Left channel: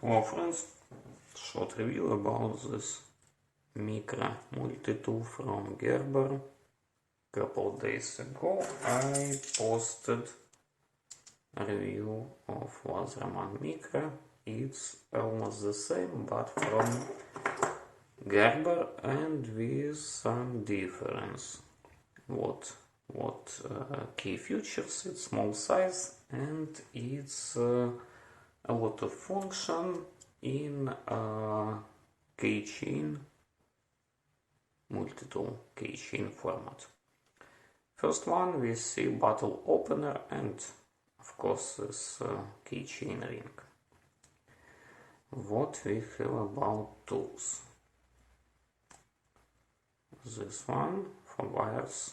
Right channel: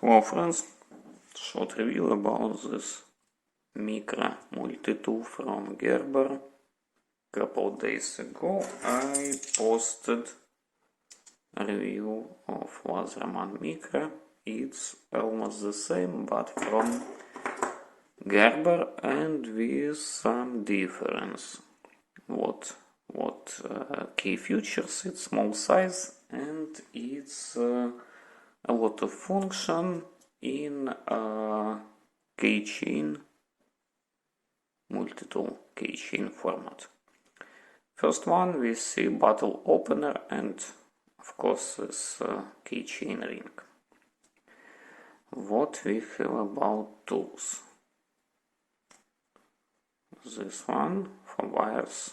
Hello friends, short review about this micro multi-tool from Gerber. Couple days ago I posted a review of Wasserman Micro. It's almost the same but from Gerber and with some difference. What key features? It's small size and it's a lot of function in keychain, multi-tool keychain format. First one we see bottle opener and of course this keychain ring. What we have about tools? This one for wires,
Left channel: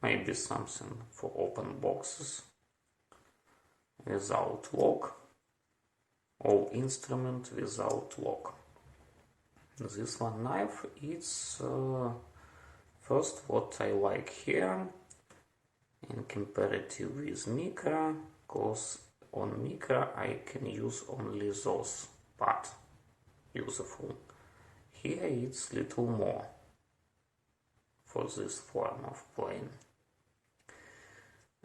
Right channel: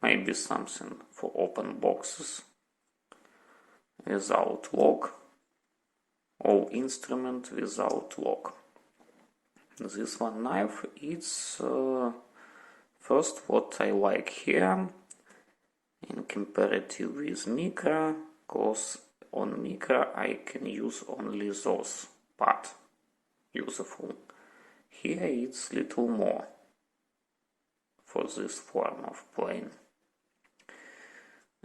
maybe something for open boxes, without lock, all instrument without lock. This one knife, it's first what I like here in comparative with micro, cause on micro I can use only those part useful. Here it's little more for this form of plane.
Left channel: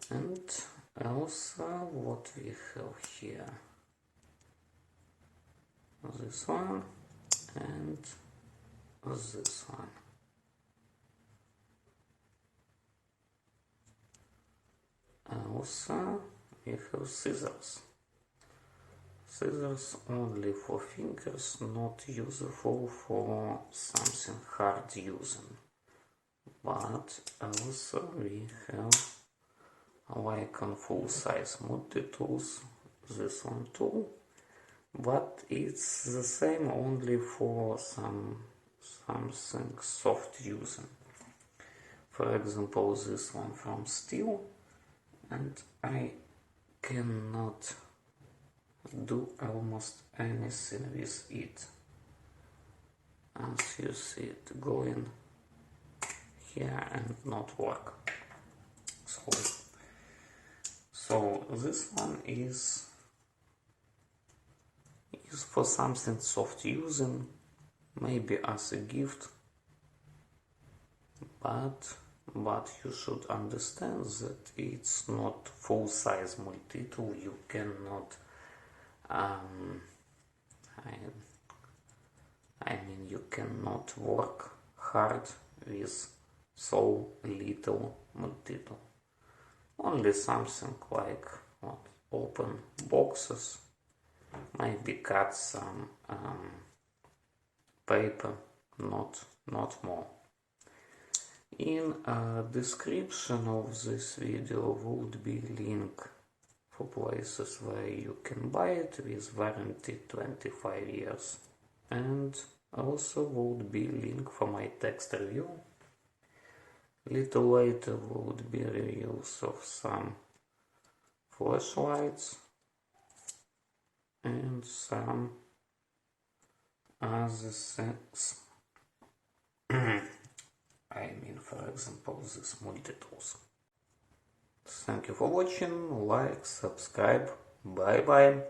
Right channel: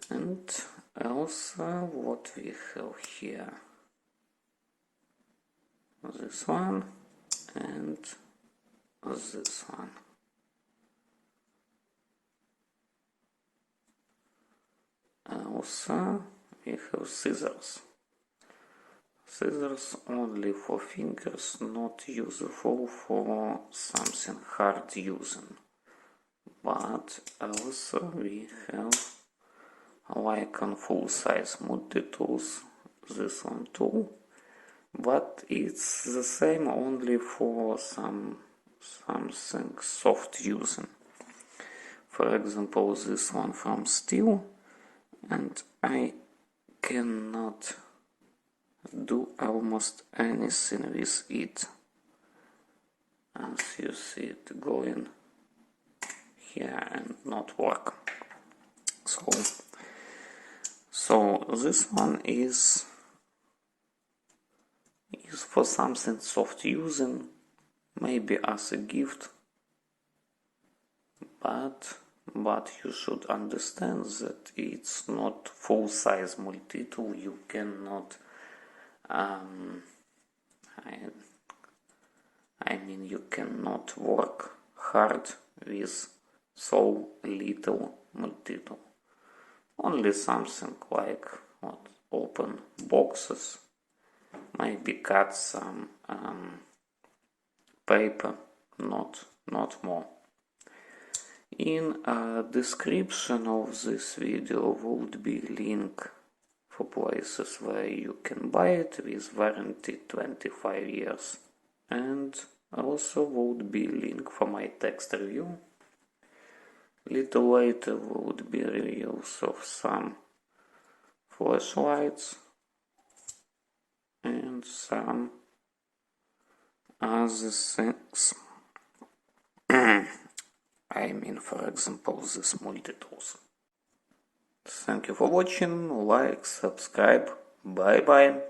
And also what we have here, this one and this one. Also we have scissors. Scissors only for fingers, not useful for something hard using. But also we have, like on full size multi-tools, this one too, but it's the same only for something soft using. For example, this one from steel, and I cannot do almost anything with it. As you see it going here and not work. So this one is for something soft using, maybe as a gift, but you should understand that it's not full size multi-tool. You cannot you cannot work hard with so little multi-tool. Only something like open boxes, maybe cut some paper, not more. In description of this video would be link for places where you can buy it with warranty 25 years, and also would be link for my text review. Little later would be reviews of some flashlights and some other things. I mean, for example, this multi-tools. Thank you for watching, like, subscribe, bye bye.